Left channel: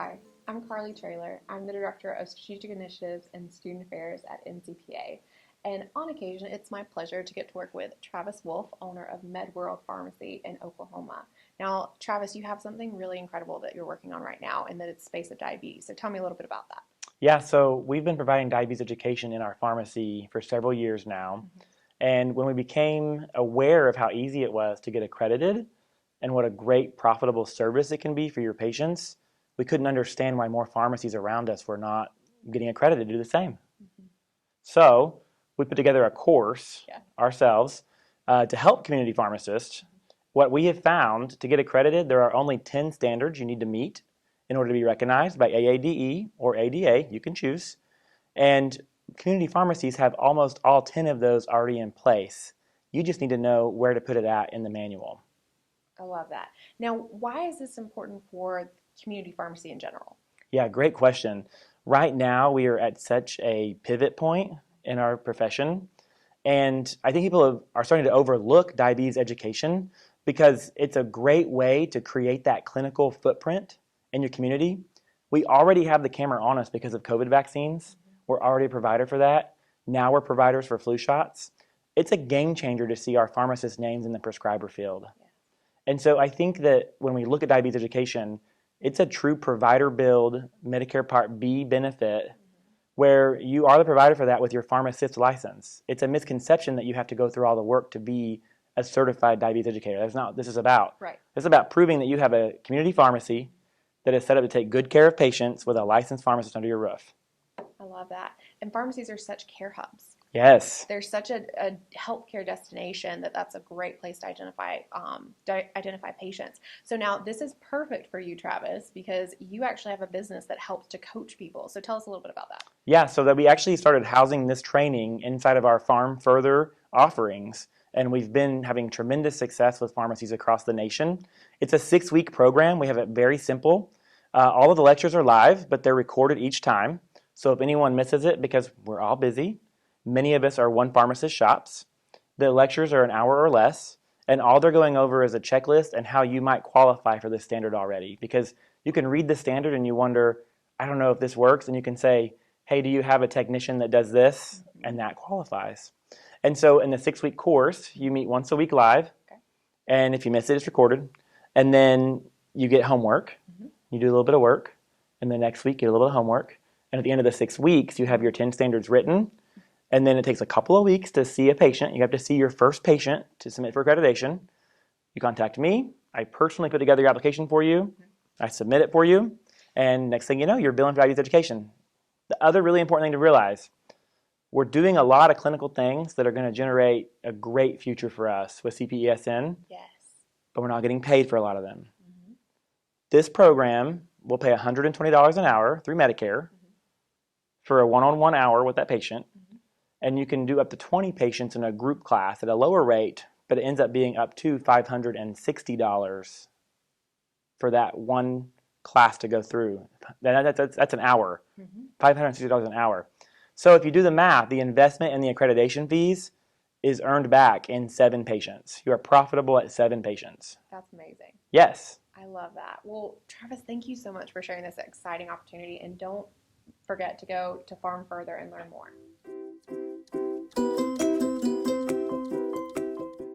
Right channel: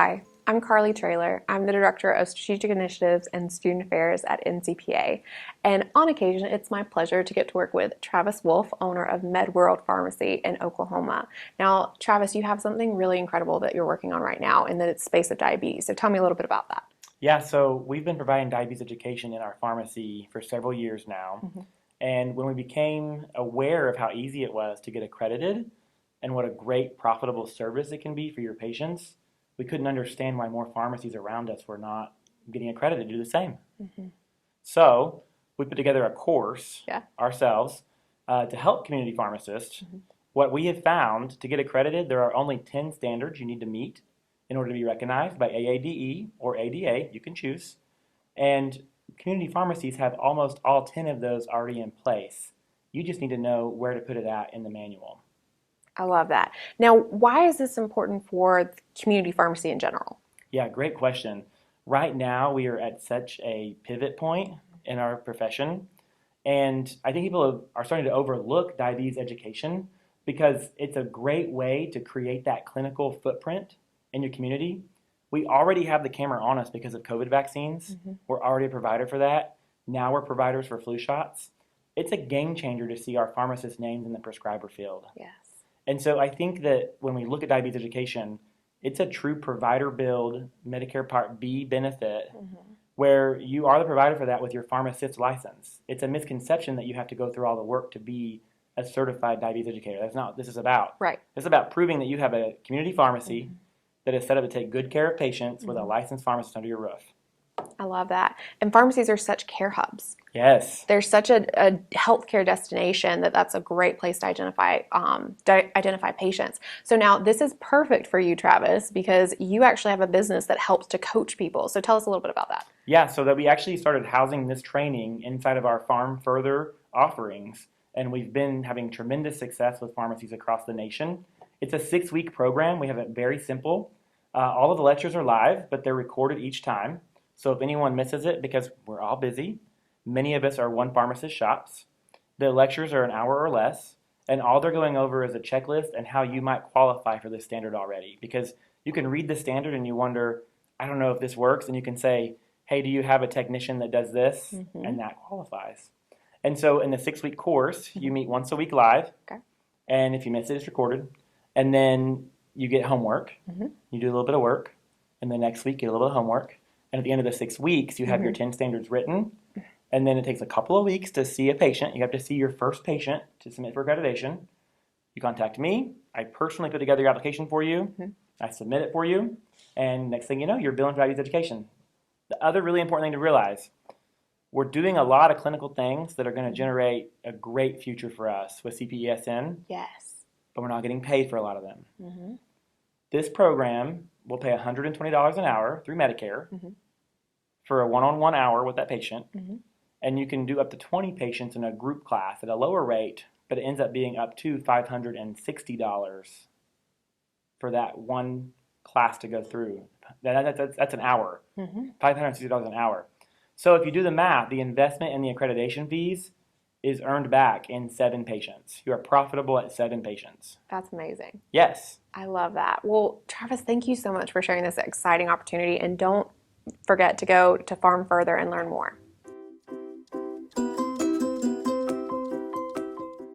Hi, I'm Carly Traylor. I'm the Director of Strategic Initiatives and Student Affairs at NCPA. And on occasion, it's my pleasure to get to work with Travis Wolf, owner of MedWorld Pharmacy in Oklahoma. Now, Travis, you have something really incredible that you're working on right now in the space of diabetes. So tell me a little bit about that. Yeah, so we've been providing diabetes education in our pharmacy for several years now. And when we became aware of how easy it was to get accredited and what a great profitable service it can be for your patients, we couldn't understand why more pharmacies around us were not getting accredited to do the same. So we put together a course ourselves to help community pharmacists. What we have found, to get accredited, there are only 10 standards you need to meet in order to be recognized by AADE or ADA, you can choose. And community pharmacies have almost all 10 of those already in place. You just need to know where to put it at in the manual. I love that. Now, why is this important for community pharmacy in general? Yeah, great question. Right now, we are at such a pivot point in our profession. And I think people are starting to overlook diabetes education because it's a great way to create that clinical footprint in your community. We already have the camera on us because of COVID vaccines. We're already a provider for that. Now we're providers for flu shots. It's a game changer to see our pharmacists' names in the prescriber field. Yes. And so I think that when we look at diabetes education, it's a true provider build Medicare Part B benefit where you are the provider for that with your pharmacist license. It's a misconception that you have to go through all the work to be a certified diabetes educator. That's not what this is about. Right. It's about proving that you have a community pharmacy that is set up to take good care of patients with a licensed pharmacist under your roof. I love that. And pharmacies are such care hubs. Yes. They're such a healthcare destination that's a great place to identify patients. So now this is perfect for you, Travis, because you actually have a business that helps to coach people. So tell us a little bit about that. Yeah, so that we actually started housing this training inside of our Farm Further offerings, and we've been having tremendous success with pharmacies across the nation. It's a 6-week program. We have it very simple. All of the lectures are live, but they're recorded each time. So if anyone misses it, because we're all busy, many of us are one pharmacist shops. The lectures are an hour or less, and all they're going over is a checklist and how you might qualify for this standard already. Because you can read the standard and you wonder, I don't know if this works, and you can say, hey, do you have a technician that does this? And that qualifies. And so in the 6-week course, you meet once a week live, and if you miss it, it's recorded. And then you get homework. You do a little bit of work, and the next week you get a little bit of homework. And at the end of the 6 weeks, you have your 10 standards written. And then it takes a couple of weeks to see a patient. You have to see your first patient to submit for accreditation. You contact me. I personally put together your application for you. I submit it for you. And next thing you know, you're billing for diabetes education. The other really important thing to realize, we're doing a lot of clinical things that are going to generate a great future for us with CPESN. Yes. But we're not getting paid for a lot of them. This program will pay $120 an hour through Medicare for a one-on-one hour with that patient. And you can do up to 20 patients in a group class at a lower rate, but it ends up being up to $560 for that one class to go through. That's an hour, $560 an hour. So if you do the math, the investment in the accreditation fees is earned back in 7 patients. You are profitable at 7 patients. That's amazing. Yes. I love that. Well, Travis, thank you so much for sharing this exciting opportunity, and don't forget to go to Farm Further and learn more.